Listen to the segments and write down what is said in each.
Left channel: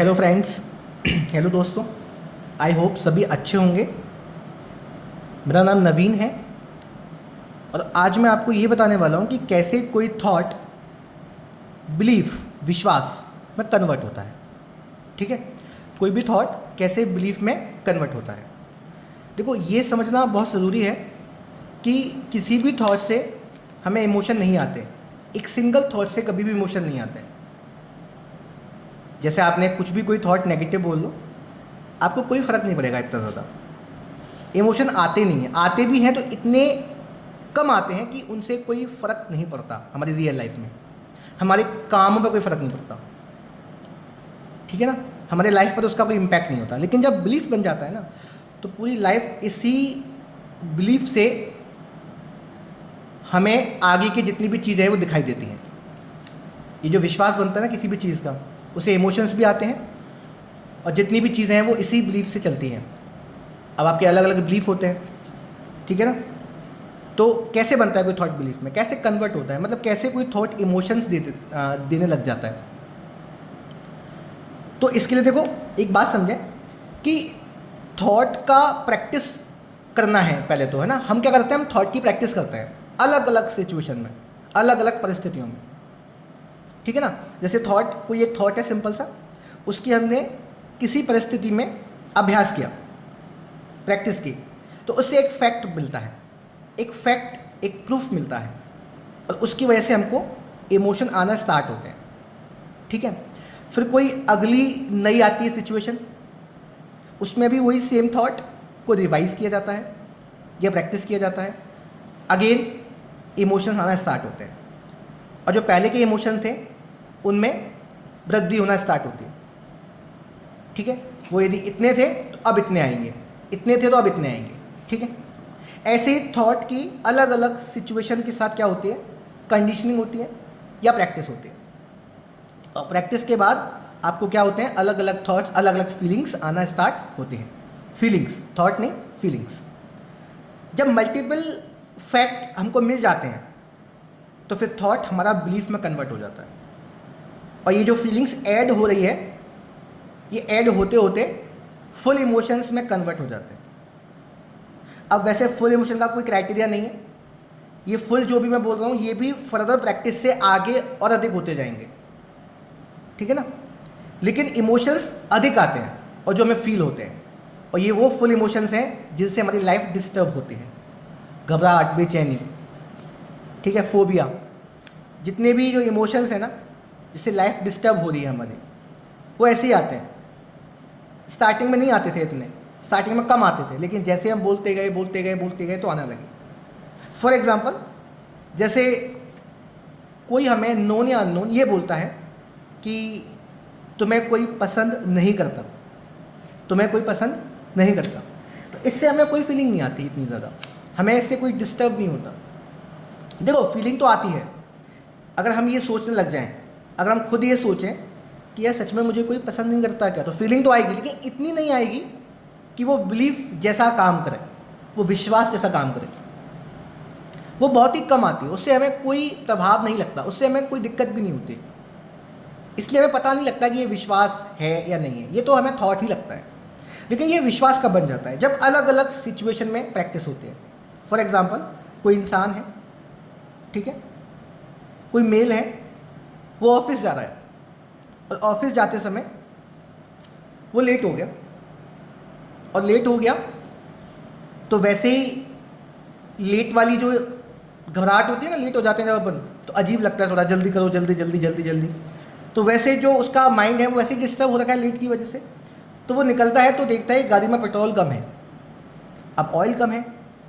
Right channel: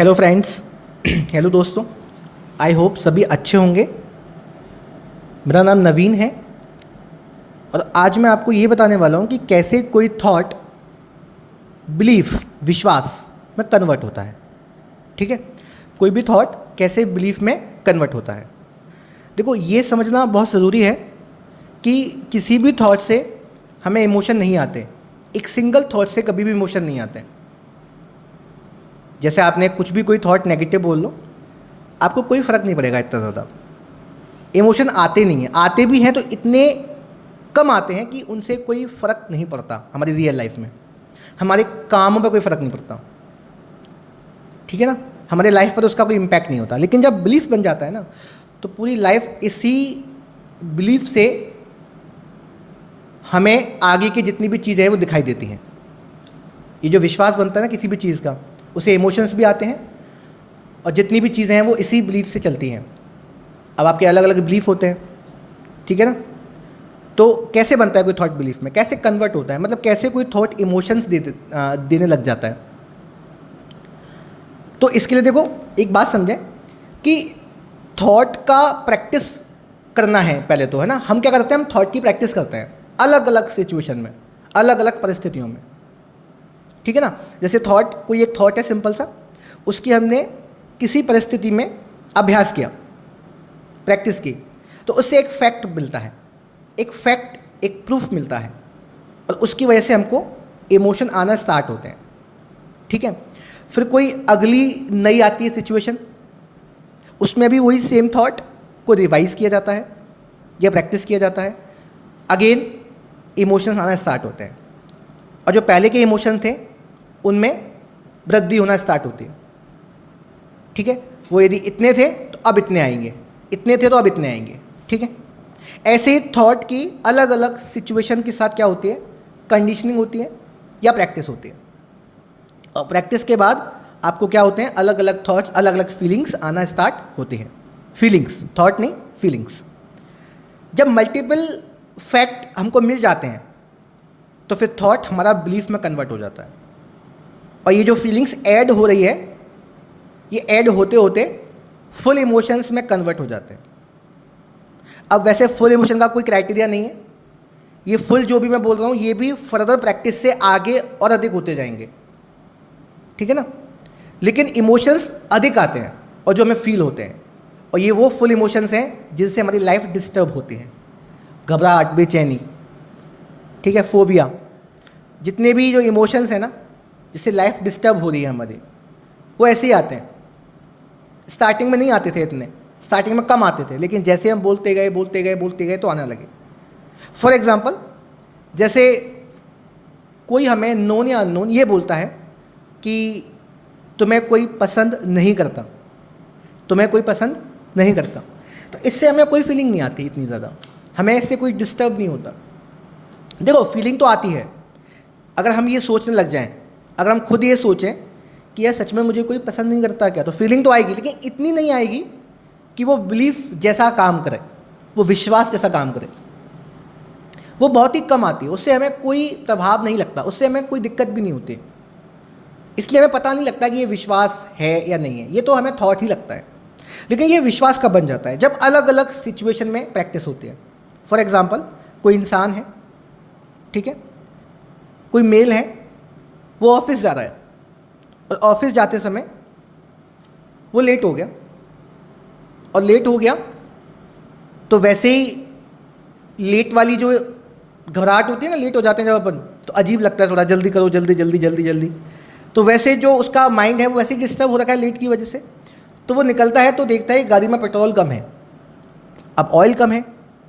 Hello friends. Hello दोस्तों। I hope सभी अच्छे होंगे। मेरा नाम नवीन है और आज मैं आपको ये बताने वाला हूँ कि कैसे कोई थॉट बिलीफ विश्वास में कन्वर्ट होता है। ठीक है, कोई भी थॉट कैसे बिलीफ में कन्वर्ट होता है। देखो, ये समझना बहुत ज़रूरी है कि किसी भी थॉट से हमें इमोशन नहीं आते। एक सिंगल थॉट से कभी भी इमोशन नहीं आते। जैसे आपने कुछ भी कोई थॉट नेगेटिव बोल लो, आपको कोई फ़र्क नहीं पड़ेगा इतना ज़्यादा। इमोशन आते नहीं हैं, आते भी हैं तो इतने कम आते हैं कि उनसे कोई फ़र्क नहीं पड़ता हमारी रियल लाइफ में। हमारे कामों पर कोई फ़र्क नहीं पड़ता, ठीक है ना। हमारे लाइफ पर उसका कोई इम्पैक्ट नहीं होता। लेकिन जब बिलीफ बन जाता है ना, तो पूरी लाइफ इसी बिलीफ से हमें आगे की जितनी भी चीज़ें हैं वो दिखाई देती हैं। ये जो विश्वास बनता है ना किसी भी चीज़ का, उसे इमोशंस भी आते हैं और जितनी भी चीज़ें हैं वो इसी बिलीफ से चलती हैं। अब आपके अलग अलग बिलीफ होते हैं, ठीक है ना। तो कैसे बनता है कोई थॉट बिलीफ में, कैसे कन्वर्ट होता है, मतलब कैसे कोई थॉट इमोशंस देने लग जाता है। तो इसके लिए देखो, एक बात समझें कि थॉट का प्रैक्टिस करना है पहले तो, है ना। हम क्या करते हैं, हम थॉट की प्रैक्टिस करते हैं अलग अलग सिचुएशन में, अलग अलग परिस्थितियों में, ठीक है ना। जैसे कोई एक थॉट है सिंपल सा, उसकी हमने किसी परिस्थिति में अभ्यास किया, प्रैक्टिस की, तो उससे एक फैक्ट मिलता है, एक फैक्ट, एक प्रूफ मिलता है और उसकी वजह से हमको इमोशन आना स्टार्ट होते हैं, ठीक है। फिर कोई अगली नई आती है सिचुएशन, उसमें भी वही सेम थॉट को रिवाइज किया जाता है या प्रैक्टिस किया जाता है। अगेन इमोशंस आना स्टार्ट होते हैं और जो पहले के इमोशन थे उनमें वृद्धि होना स्टार्ट होती है, ठीक है। वो यदि इतने थे तो अब इतने आएंगे, इतने थे तो अब इतने आएंगे, ठीक है। ऐसे ही थॉट की अलग अलग सिचुएशन के साथ क्या होती है, कंडीशनिंग होती है या प्रैक्टिस होती है। और प्रैक्टिस के बाद आपको क्या होते हैं, अलग अलग थॉट्स, अलग अलग फीलिंग्स आना स्टार्ट होती हैं। फीलिंग्स, थॉट नहीं, फीलिंग्स। जब मल्टीपल फैक्ट हमको मिल जाते हैं तो फिर थॉट हमारा बिलीफ में कन्वर्ट हो जाता है और ये जो फीलिंग्स ऐड हो रही है, ये ऐड होते होते फुल इमोशंस में कन्वर्ट हो जाते हैं। अब वैसे फुल इमोशन का कोई क्राइटेरिया नहीं है, ये फुल जो भी मैं बोल रहा हूँ ये भी फर्दर प्रैक्टिस से आगे और अधिक होते जाएंगे, ठीक है ना। लेकिन इमोशंस अधिक आते हैं और जो हमें फील होते हैं, और ये वो फुल इमोशंस हैं जिनसे हमारी लाइफ डिस्टर्ब होती है। घबराहट, बेचैनी, ठीक है, फोबिया, जितने भी जो इमोशंस हैं ना जिससे लाइफ डिस्टर्ब हो रही है हमारी, वो ऐसे ही आते हैं। स्टार्टिंग में नहीं आते थे इतने, स्टार्टिंग में कम आते थे, लेकिन जैसे हम बोलते गए बोलते गए बोलते गए तो आने लगे। फॉर एग्जाम्पल, जैसे कोई हमें नोन या अननोन ये बोलता है कि तुम्हें कोई पसंद नहीं करता, तुम्हें कोई पसंद नहीं करता, तो इससे हमें कोई फीलिंग नहीं आती इतनी ज़्यादा, हमें इससे कोई डिस्टर्ब नहीं होता। देखो, फीलिंग तो आती है अगर हम ये सोचने लग जाएं, अगर हम खुद ये सोचें कि यार सच में मुझे कोई पसंद नहीं करता क्या, तो फीलिंग तो आएगी, लेकिन इतनी नहीं आएगी कि वो बिलीफ जैसा काम करे, वो विश्वास जैसा काम करे। वो बहुत ही कम आती है, उससे हमें कोई प्रभाव नहीं लगता, उससे हमें कोई दिक्कत भी नहीं होती। इसलिए हमें पता नहीं लगता कि ये विश्वास है या नहीं है, ये तो हमें थॉट ही लगता है। लेकिन ये विश्वास कब बन जाता है, जब अलग अलग सिचुएशन में प्रैक्टिस होती है। फॉर एग्जाम्पल, कोई इंसान है, ठीक है, कोई मेल है, वो ऑफिस जा रहा है और ऑफिस जाते समय वो लेट हो गया, और लेट हो गया तो वैसे ही लेट वाली जो घबराहट होती है ना, लेट हो जाते हैं जब अपन, तो अजीब लगता है, थोड़ा जल्दी करो, जल्दी जल्दी जल्दी जल्दी। तो वैसे जो उसका माइंड है वो वैसे ही डिस्टर्ब हो रखा है लेट की वजह से। तो वो निकलता है तो देखता है गाड़ी में पेट्रोल कम है, अब ऑयल कम है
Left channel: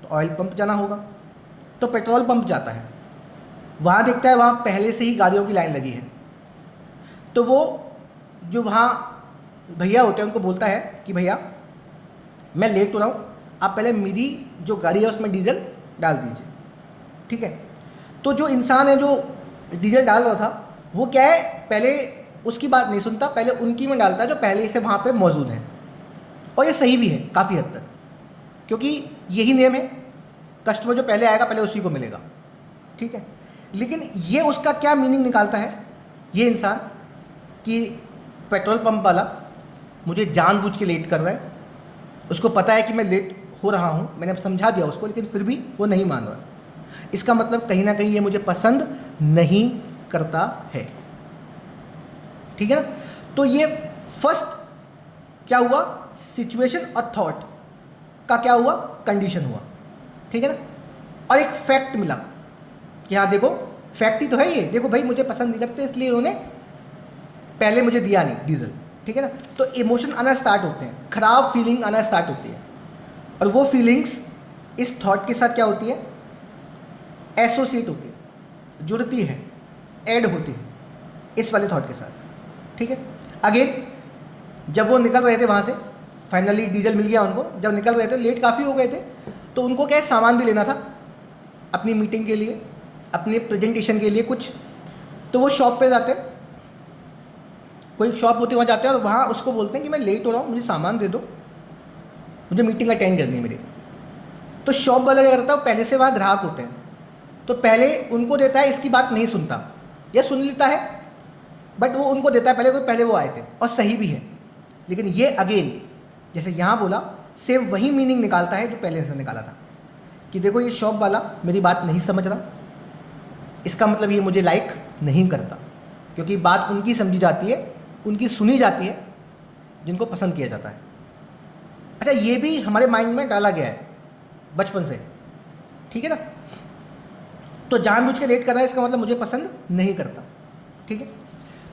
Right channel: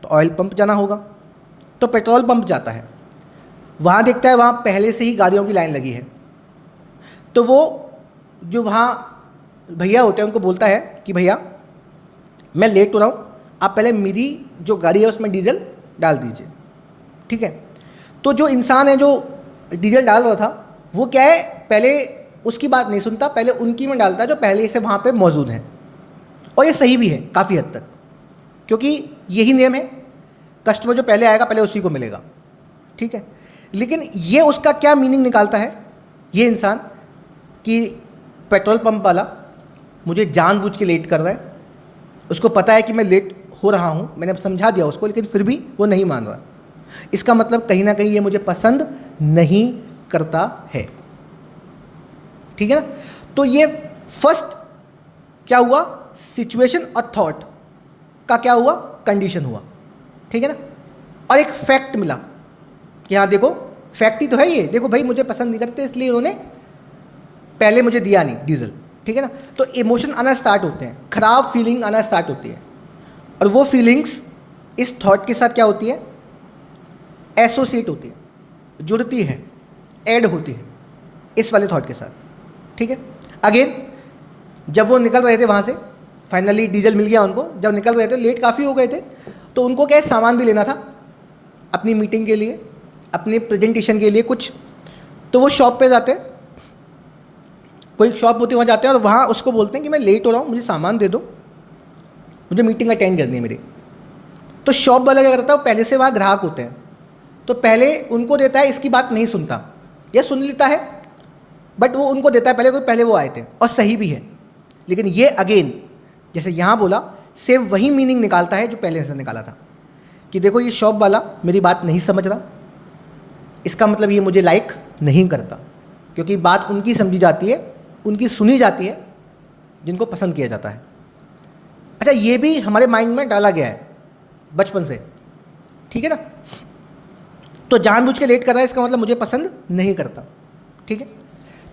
तो ऑयल पंप जाना होगा, तो पेट्रोल पंप जाता है। वहाँ देखता है वहाँ पहले से ही गाड़ियों की लाइन लगी है, तो वो जो वहाँ भैया होते हैं उनको बोलता है कि भैया मैं लेट हो रहा हूँ, आप पहले मेरी जो गाड़ी है उसमें डीजल डाल दीजिए, ठीक है। तो जो इंसान है जो डीजल डाल रहा था, वो क्या है, पहले उसकी बात नहीं सुनता, पहले उनकी में डालता है जो पहले से वहाँ पे मौजूद हैं। और ये सही भी है काफ़ी हद तक, क्योंकि यही नियम है, कस्टमर जो पहले आएगा पहले उसी को मिलेगा, ठीक है। लेकिन ये उसका क्या मीनिंग निकालता है ये इंसान, कि पेट्रोल पंप वाला मुझे जानबूझ के लेट कर रहा है, उसको पता है कि मैं लेट हो रहा हूँ, मैंने अब समझा दिया उसको, लेकिन फिर भी वो नहीं मान रहा। इसका मतलब कहीं ना कहीं ये मुझे पसंद नहीं करता है। ठीक है ना? तो ये फर्स्ट क्या हुआ, सिचुएशन और थॉट का क्या हुआ, कंडीशन हुआ। ठीक है ना? और एक फैक्ट मिला कि हाँ देखो, फैक्ट ही तो है ये, देखो भाई मुझे पसंद नहीं करते इसलिए उन्होंने पहले मुझे दिया नहीं डीजल। ठीक है ना? तो इमोशन आना स्टार्ट होते हैं, खराब फीलिंग आना स्टार्ट होती है, और वो फीलिंग्स इस थॉट के साथ क्या होती है, एसोसिएट होती है, जुड़ती है, ऐड होती है इस वाले थॉट के साथ। ठीक है? अगेन जब वो निकल रहे थे वहाँ से, फाइनली डीजल मिल गया उनको, जब निकल रहे थे लेट काफ़ी हो गए थे, तो उनको क्या है, सामान भी लेना था अपनी मीटिंग के लिए, अपने प्रेजेंटेशन के लिए कुछ। तो वो शॉप पे जाते हैं, कोई शॉप होती है वहाँ जाते हैं, और वहाँ उसको बोलते हैं कि मैं लेट हो रहा हूँ, मुझे सामान दे दो, मुझे मीटिंग अटेंड करनी है मेरी। तो शॉप वाला क्या करता है, पहले से वहाँ ग्राहक होते हैं, तो पहले उनको देता है, इसकी बात नहीं सुनता या सुन लेता है, बट वो उनको देता है पहले, कोई पहले वो आए थे, और सही भी है। लेकिन ये अगेन जैसे यहाँ बोला, सेम वही मीनिंग निकालता है जो पहले से निकाला था, कि देखो ये शॉप वाला मेरी बात नहीं समझ रहा, इसका मतलब ये मुझे लाइक नहीं करता, क्योंकि बात उनकी समझी जाती है, उनकी सुनी जाती है, जिनको पसंद किया जाता है। अच्छा, ये भी हमारे माइंड में डाला गया है बचपन से। ठीक है ना? तो जानबूझ के लेट कर रहा है, इसका मतलब मुझे पसंद नहीं करता। ठीक है?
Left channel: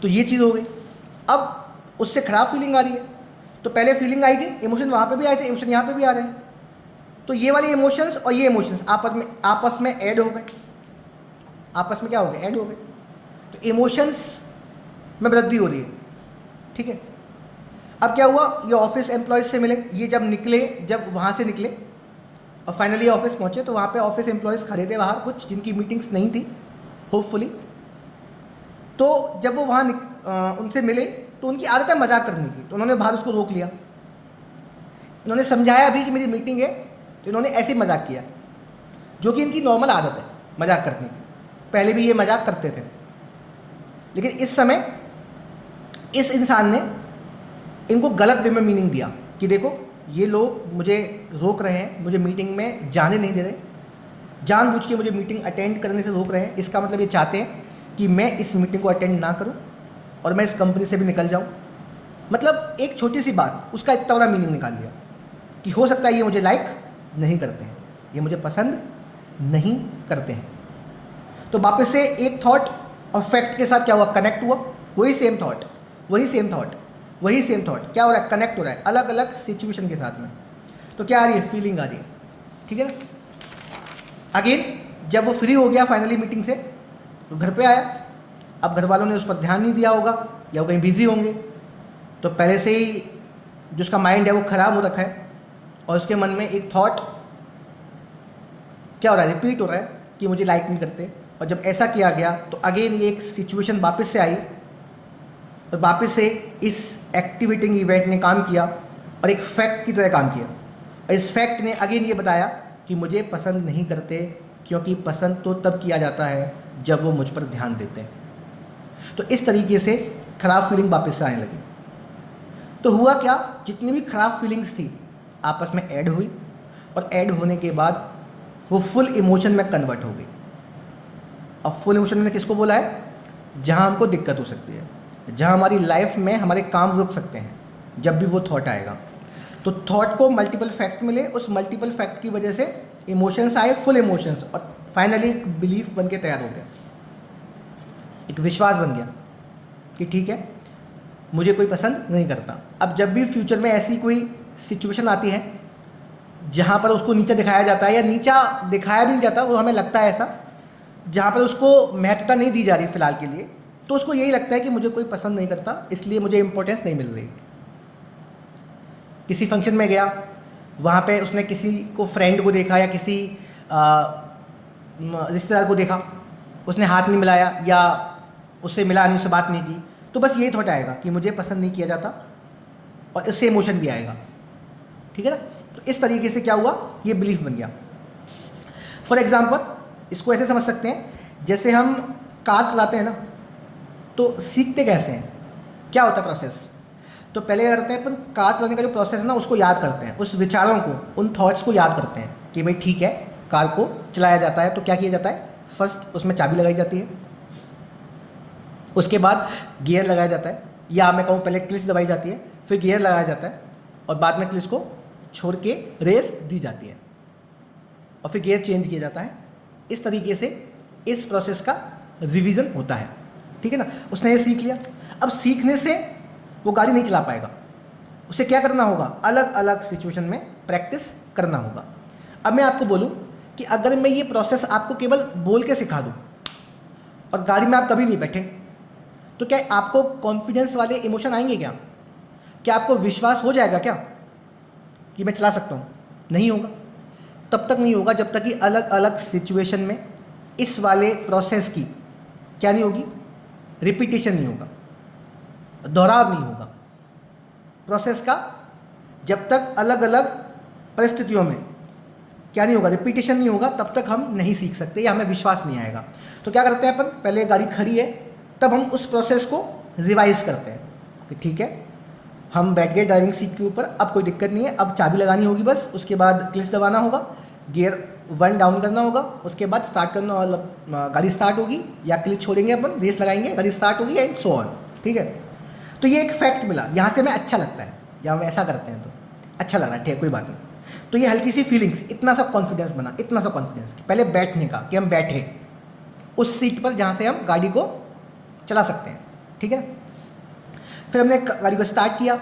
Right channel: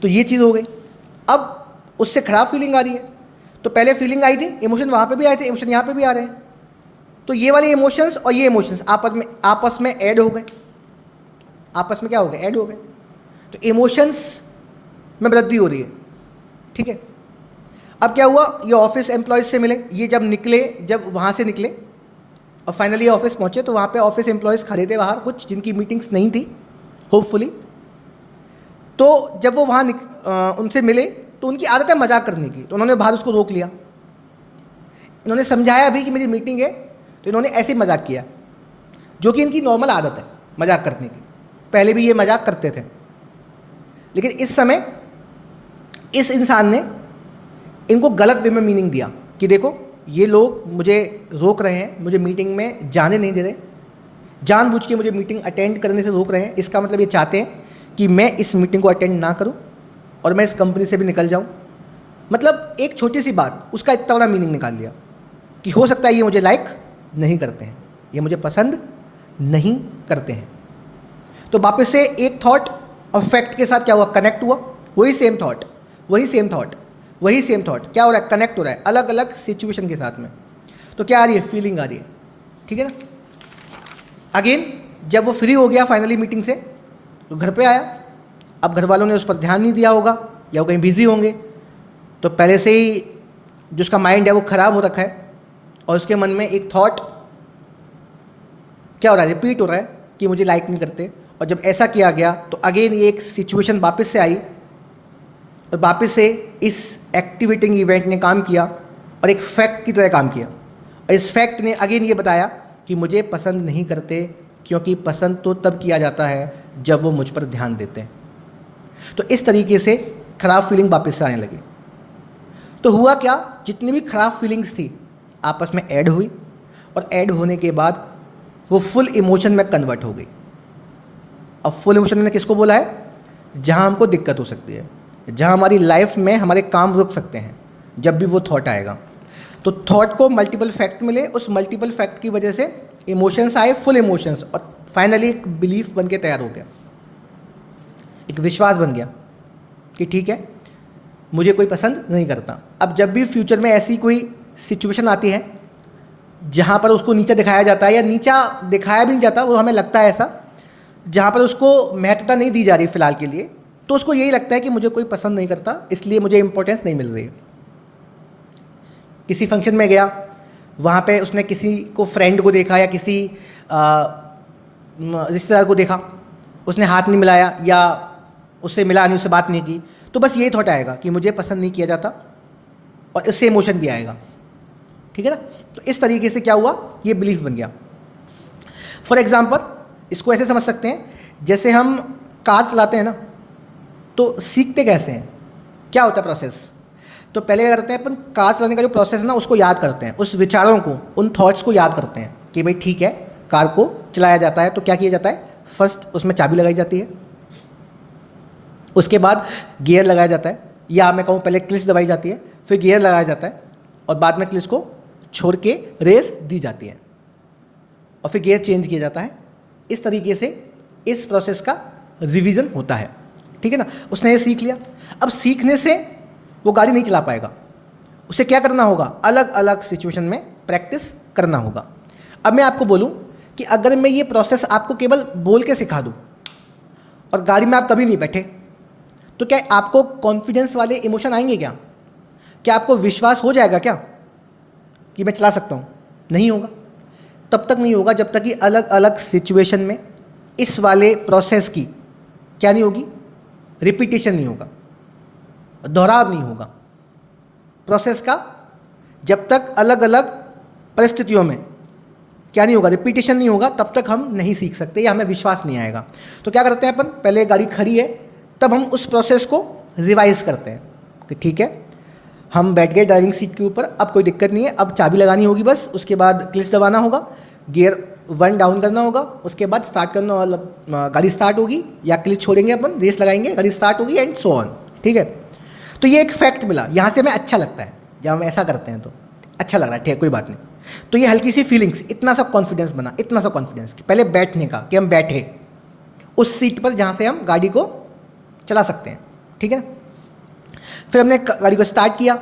तो ये चीज़ हो गई। अब उससे खराब फीलिंग आ रही है, तो पहले फीलिंग आई थी, इमोशन वहाँ पे भी आए थे, इमोशन यहाँ पे भी आ रहे हैं, तो ये वाले इमोशंस और ये इमोशंस आपस में ऐड हो गए, आपस में क्या हो गए, ऐड हो गए। तो इमोशंस में वृद्धि हो रही है। ठीक है? अब क्या हुआ, ये ऑफिस एम्प्लॉयज से मिले, ये जब निकले, जब वहाँ से निकले और फाइनली ऑफिस पहुँचे, तो वहाँ पे ऑफिस एम्प्लॉयज़ खड़े थे बाहर, कुछ जिनकी मीटिंग्स नहीं थी होपफुली। तो जब वो वहाँ उनसे मिले, तो उनकी आदत है मजाक करने की, तो उन्होंने बाहर उसको रोक लिया। इन्होंने समझाया भी कि मेरी मीटिंग है, तो इन्होंने ऐसे ही मजाक किया, जो कि इनकी नॉर्मल आदत है मजाक करने की, पहले भी ये मजाक करते थे। लेकिन इस समय इस इंसान ने इनको गलत वे में मीनिंग दिया कि देखो ये लोग मुझे रोक रहे हैं, मुझे मीटिंग में जाने नहीं दे रहे, जानबूझ के मुझे मीटिंग अटेंड करने से रोक रहे हैं, इसका मतलब ये चाहते हैं कि मैं इस मीटिंग को अटेंड ना करूं और मैं इस कंपनी से भी निकल जाऊं। मतलब एक छोटी सी बात, उसका इतना बड़ा मीनिंग निकाल लिया कि हो सकता है ये मुझे लाइक नहीं करते हैं, ये मुझे पसंद नहीं करते हैं। तो वापस से एक थॉट और फैक्ट के साथ क्या हुआ, कनेक्ट हुआ, वही सेम थॉट, वही सेम थॉट, वही सेम थॉट क्या हो रहा है, कनेक्ट हो रहा है अलग अलग सिचुएशन के साथ में। तो क्या आ रही है, फीलिंग आ रही है। ठीक है ना? अगेन जब वो फ्री हो गया फाइनली मीटिंग से, तो घर पे आया। अब घर वालों ने उस पर ध्यान नहीं दिया होगा, या वो कहीं बिजी होंगे, तो पहले से ही जो उसका माइंड है वो ख़राब हो रखा है, और उसके मन में एक थॉट क्या हो रहा है, रिपीट हो रहा है कि मुझे लाइक नहीं करते। और जब ऐसा किया गया, तो अगेन ये एक सिचुएशन वापस से आई, और वापस से इस एक्टिवेटिंग इवेंट ने काम किया और एक फैक्ट की तरह काम किया। और इस फैक्ट ने अगेन ये बताया कि मुझे पसंद नहीं करते, क्योंकि पसंद तो तब किया जाता है जब वो मुझ पर ध्यान देते हैं। तो इस तरीके से खराब फीलिंग वापस से आने लगी। तो हुआ क्या, जितनी भी खराब फीलिंग्स थी आपस में ऐड हुई, और ऐड होने के बाद वो फुल इमोशन में कन्वर्ट हो गई। अब फुल इमोशन ने किसको बोला है, जहाँ हमको दिक्कत हो सकती है, जहाँ हमारी लाइफ में हमारे काम रुक सकते हैं, जब भी वो थॉट आएगा। तो थॉट को मल्टीपल फैक्ट मिले, उस मल्टीपल फैक्ट की वजह से इमोशंस आए, फुल इमोशंस, और फाइनली एक बिलीफ बन के तैयार हो गया, एक विश्वास बन गया कि ठीक है मुझे कोई पसंद नहीं करता। अब जब भी फ्यूचर में ऐसी कोई सिचुएशन आती है जहाँ पर उसको नीचा दिखाया जाता है, या नीचा दिखाया भी नहीं जाता, वो हमें लगता है ऐसा, जहाँ पर उसको महत्वता नहीं दी जा रही फ़िलहाल के लिए, तो उसको यही लगता है कि मुझे कोई पसंद नहीं करता, इसलिए मुझे इंपॉर्टेंस नहीं मिल रही। किसी फंक्शन में गया, वहाँ पे उसने किसी को, फ्रेंड को देखा, या किसी रिश्तेदार को देखा, उसने हाथ नहीं मिलाया या उससे मिला नहीं, उससे बात नहीं की, तो बस यही थॉट आएगा कि मुझे पसंद नहीं किया जाता, और इससे इमोशन भी आएगा। ठीक है ना? तो इस तरीके से क्या हुआ, ये बिलीफ बन गया। फॉर एग्जाम्पल इसको ऐसे समझ सकते हैं, जैसे हम कार चलाते हैं ना, तो सीखते कैसे हैं, क्या होता है प्रोसेस। तो पहले क्या करते हैं अपन, कार चलाने का जो प्रोसेस है ना उसको याद करते हैं, उस विचारों को, उन थॉट्स को याद करते हैं कि भाई ठीक है कार को चलाया जाता है तो क्या किया जाता है, फर्स्ट उसमें चाबी लगाई जाती है, उसके बाद गियर लगाया जाता है, या मैं कहूँ पहले क्लिच दबाई जाती है, फिर गियर लगाया जाता है और बाद में क्लिच को छोड़ के रेस दी जाती है और फिर गियर चेंज किया जाता है। इस तरीके से इस प्रोसेस का रिवीजन होता है, ठीक है ना। उसने ये सीख लिया, अब सीखने से वो गाड़ी नहीं चला पाएगा, उसे क्या करना होगा, अलग अलग सिचुएशन में प्रैक्टिस करना होगा। अब मैं आपको बोलूँ कि अगर मैं ये प्रोसेस आपको केवल बोल के सिखा दूँ और गाड़ी में आप कभी नहीं बैठे, तो क्या आपको कॉन्फिडेंस वाले इमोशन आएंगे क्या? क्या आपको विश्वास हो जाएगा क्या कि मैं चला सकता हूँ? नहीं होगा। तब तक नहीं होगा जब तक कि अलग अलग सिचुएशन में इस वाले प्रोसेस की क्या नहीं होगी, रिपीटेशन नहीं होगा, दोहराव नहीं होगा प्रोसेस का। जब तक अलग अलग परिस्थितियों में क्या नहीं होगा, रिपीटेशन नहीं होगा, तब तक हम नहीं सीख सकते या हमें विश्वास नहीं आएगा। तो क्या करते हैं अपन, पहले गाड़ी खड़ी है तब हम उस प्रोसेस को रिवाइज करते हैं कि ठीक है हम बैठ गए ड्राइविंग सीट के ऊपर, अब कोई दिक्कत नहीं है, अब चाबी लगानी होगी बस, उसके बाद क्लिच दबाना होगा, गियर 1 डाउन करना होगा, उसके बाद स्टार्ट करना, मतलब गाड़ी स्टार्ट होगी या क्लिच छोड़ेंगे अपन, रेस लगाएंगे, गाड़ी स्टार्ट होगी एंड सो ऑन, ठीक है। तो ये एक फैक्ट मिला, यहाँ से हमें अच्छा लगता है जब हम ऐसा करते हैं तो अच्छा लग रहा है, ठीक है कोई बात नहीं। तो ये हल्की सी फीलिंग्स, इतना सा कॉन्फिडेंस बना, इतना सा कॉन्फिडेंस कि पहले बैठने का, कि हम बैठे उस सीट पर जहाँ से हम गाड़ी को चला सकते हैं, ठीक है। फिर हमने गाड़ी को स्टार्ट किया,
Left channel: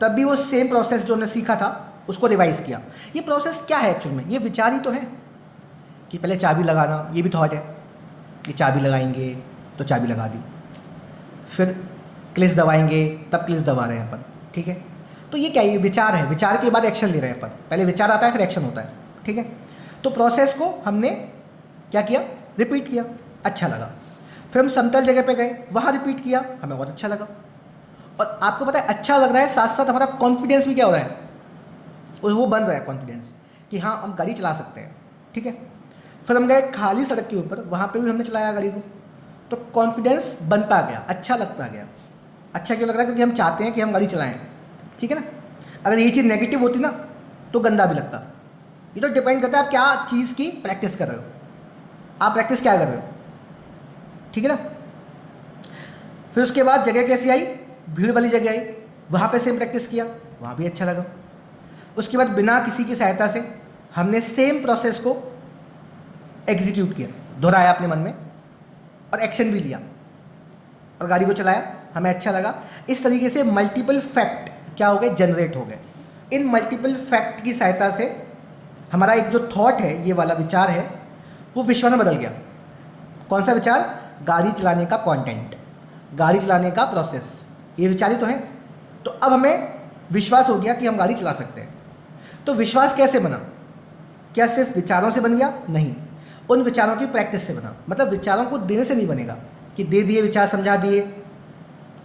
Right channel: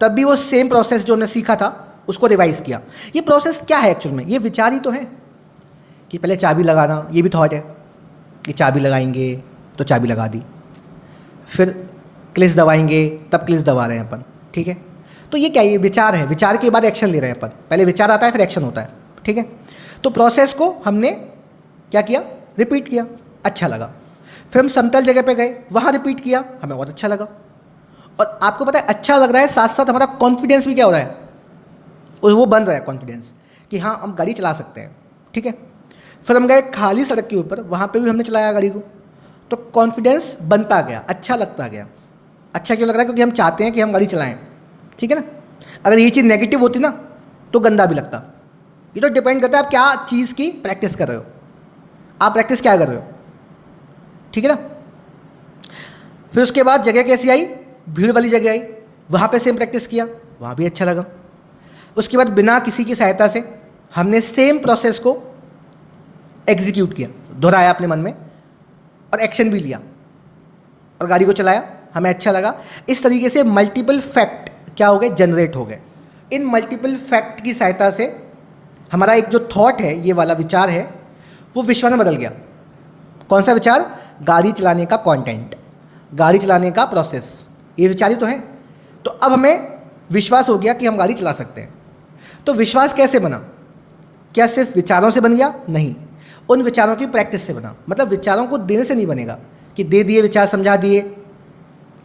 तब भी वो सेम प्रोसेस जो हमने सीखा था उसको रिवाइज किया। ये प्रोसेस क्या है एक्चुअल में, ये विचार ही तो है कि पहले चाबी लगाना, ये भी थॉट है कि चाबी लगाएंगे तो चाबी लगा दी, फिर क्लिच दबाएंगे तब क्लिच दबा रहे हैं अपन, ठीक है। तो ये क्या, ये विचार है, विचार के बाद एक्शन ले रहे हैं अपन, पहले विचार आता है फिर एक्शन होता है, ठीक है। तो प्रोसेस को हमने क्या किया, रिपीट किया, अच्छा लगा। फिर हम समतल जगह पे गए, वहाँ रिपीट किया, हमें बहुत अच्छा लगा। और आपको पता है अच्छा लग रहा है, साथ साथ हमारा कॉन्फिडेंस भी क्या हो रहा है, वो बन रहा है कॉन्फिडेंस कि हाँ हम गाड़ी चला सकते हैं, ठीक है। फिर हम गए खाली सड़क के ऊपर, वहाँ पे भी हमने चलाया गाड़ी को, तो कॉन्फिडेंस बनता गया, अच्छा लगता गया। अच्छा क्यों लग रहा है, क्योंकि हम चाहते हैं कि हम गाड़ी चलाएं, ठीक है ना। अगर ये चीज़ नेगेटिव होती ना तो गंदा भी लगता। ये तो डिपेंड करता है आप क्या चीज़ की प्रैक्टिस कर रहे हो, आप प्रैक्टिस क्या कर रहे हो, ठीक है ना। फिर उसके बाद जगह कैसी आई, भीड़ वाली जगह आई, वहाँ पे सेम प्रैक्टिस किया, वहाँ भी अच्छा लगा। उसके बाद बिना किसी की सहायता से हमने सेम प्रोसेस को एग्जीक्यूट किया, दोहराया अपने मन में और एक्शन भी लिया और गाड़ी को चलाया, हमें अच्छा लगा। इस तरीके से मल्टीपल फैक्ट क्या हो गए, जनरेट हो गए। इन मल्टीपल फैक्ट की सहायता से हमारा एक जो थॉट है, ये वाला विचार है, वो विश्व में बदल गया। कौन सा विचार, गाड़ी चलाने का कंटेंट, गाड़ी चलाने का प्रोसेस, ये विचार ही तो है। तो अब हमें विश्वास हो गया कि हम गाड़ी चला सकते हैं। तो विश्वास कैसे बना, क्या सिर्फ विचारों से बन गया, नहीं, उन विचारों की प्रैक्टिस से बना। मतलब विचारों को देने से नहीं बनेगा कि दे दिए विचार, समझा दिए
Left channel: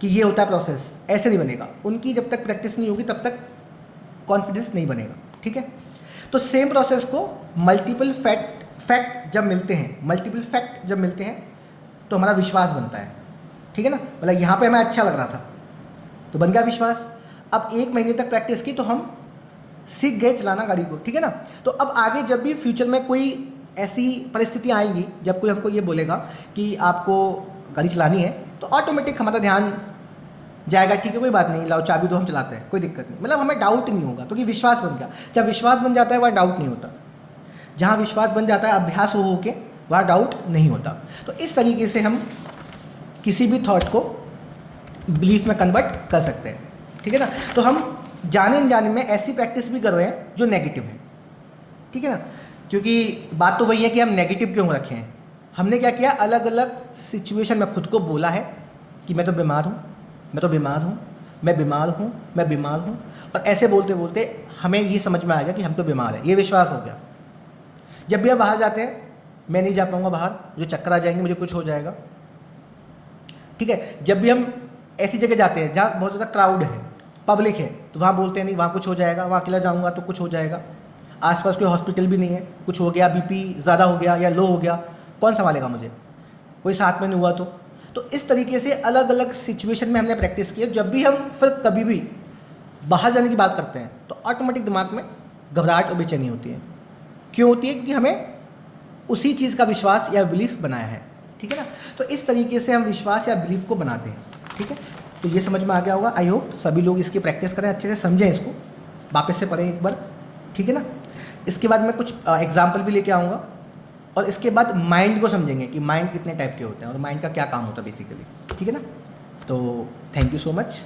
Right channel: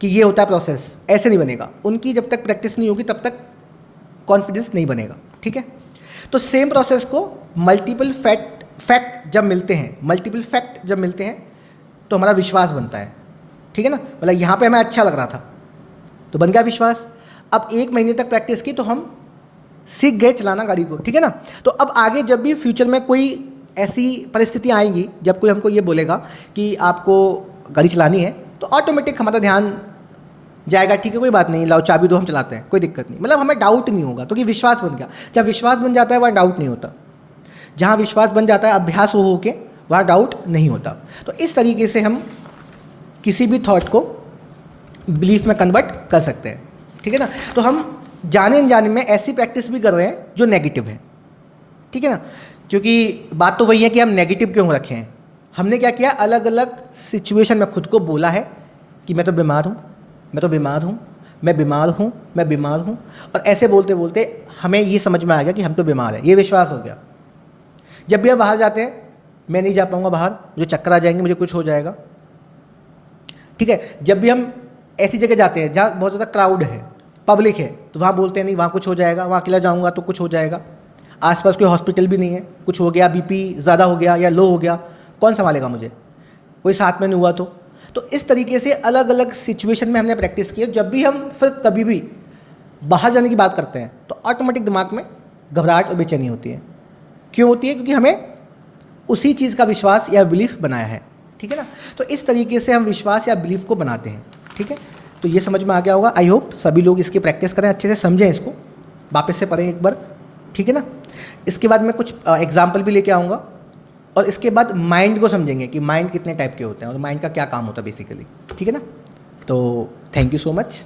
कि ये होता है प्रोसेस, ऐसे नहीं बनेगा। उनकी जब तक प्रैक्टिस नहीं होगी तब तक कॉन्फिडेंस नहीं बनेगा, ठीक है। तो सेम प्रोसेस को मल्टीपल फैक्ट जब मिलते हैं, मल्टीपल फैक्ट जब मिलते हैं तो हमारा विश्वास बनता है, ठीक है ना। मतलब यहाँ पे हमें अच्छा लग रहा था तो बन गया विश्वास। अब 1 महीने तक प्रैक्टिस की तो हम सीख गए चलाना गाड़ी को, ठीक है ना। तो अब आगे जब भी फ्यूचर में कोई ऐसी परिस्थितियाँ आएंगी जब कोई हमको ये बोलेगा कि आपको गाड़ी चलानी है, तो ऑटोमेटिक हमारा ध्यान जाएगा, ठीक है कोई बात नहीं, लाओ चाबी दो, हम चलाते हैं, कोई दिक्कत नहीं। मतलब हमें डाउट नहीं होगा क्योंकि विश्वास बन गया। जब विश्वास बन जाता है वहाँ डाउट नहीं होता, जहाँ विश्वास बन जाता है अभ्यास हो के, वहाँ डाउट नहीं होता। तो इस तरीके से हम किसी भी थॉट को बिलीफ में कन्वर्ट कर सकते हैं, ठीक है ना। तो हम जाने अनजाने में ऐसी प्रैक्टिस भी कर रहे हैं जो नेगेटिव है, ठीक है ना। क्योंकि बात तो वही है कि हम नेगेटिव क्यों रखे हैं। हमने क्या किया, अलग अलग सिचुएशन में खुद को बोला है कि मैं तो बीमार हूँ, मैं तो बीमार हूँ, मैं बीमार हूँ, मैं बीमार हूँ। और ऐसे बोलते बोलते हमें ये समझ में आ गया कि हम तो बीमार हैं, ये विश्वास हो गया। जब भी हम बाहर जाते हैं, मैं नहीं जा पाऊँगा बाहर, मुझे चक्कर आ जाएंगे, मुझे कुछ हो जाएगा, ठीक है। जब भी हम ऐसी जगह जाते हैं जहाँ बहुत ज़्यादा क्राउड है, पब्लिक है, तो वहाँ बोलते हैं नहीं वहाँ कुछ हो जाएगा, वहाँ अकेला जाऊँगा तो कुछ हो जाएगा, आसपास कोई हॉस्पिटल भी नहीं है, कुछ हो गया, बीपी ज़्यादा हो गया या लो हो गया, कौन संभालेगा मुझे, कोई साथ में नहीं हुआ तो इस तरीके से अलग अलग सिचुएशन में हमने प्रैक्टिस की है। जब भी हम फिर कभी भी बाहर जाने की बात करते हैं तो ऑटोमेटिक दिमाग में घबराहट और बेचैनी होती है। क्यों होती है? क्योंकि हमें उसी चीज़ का विश्वास या बिलीफ बनाया है, ठीक है ना। तो इस तरीके से हम विश्वास या बिलीफ को बनाते हैं, ठीक है। तो ये समझ में आ गया होगा। आई होप सभी लोग इसकी प्रैक्टिस करें, अच्छे से समझें इसको, वापस से पढ़ें एक बार, ठीक है ना। इसके बाद मैं कुछ एग्जाम्पल भी लेके आऊँगा और इसके बाद माइंड को समझेंगे कि माइंड कितने टाइप के होते हैं और माइंड का क्या काम होता है बेसिकली, ठीक है ना। तो थैंक यू सो मच।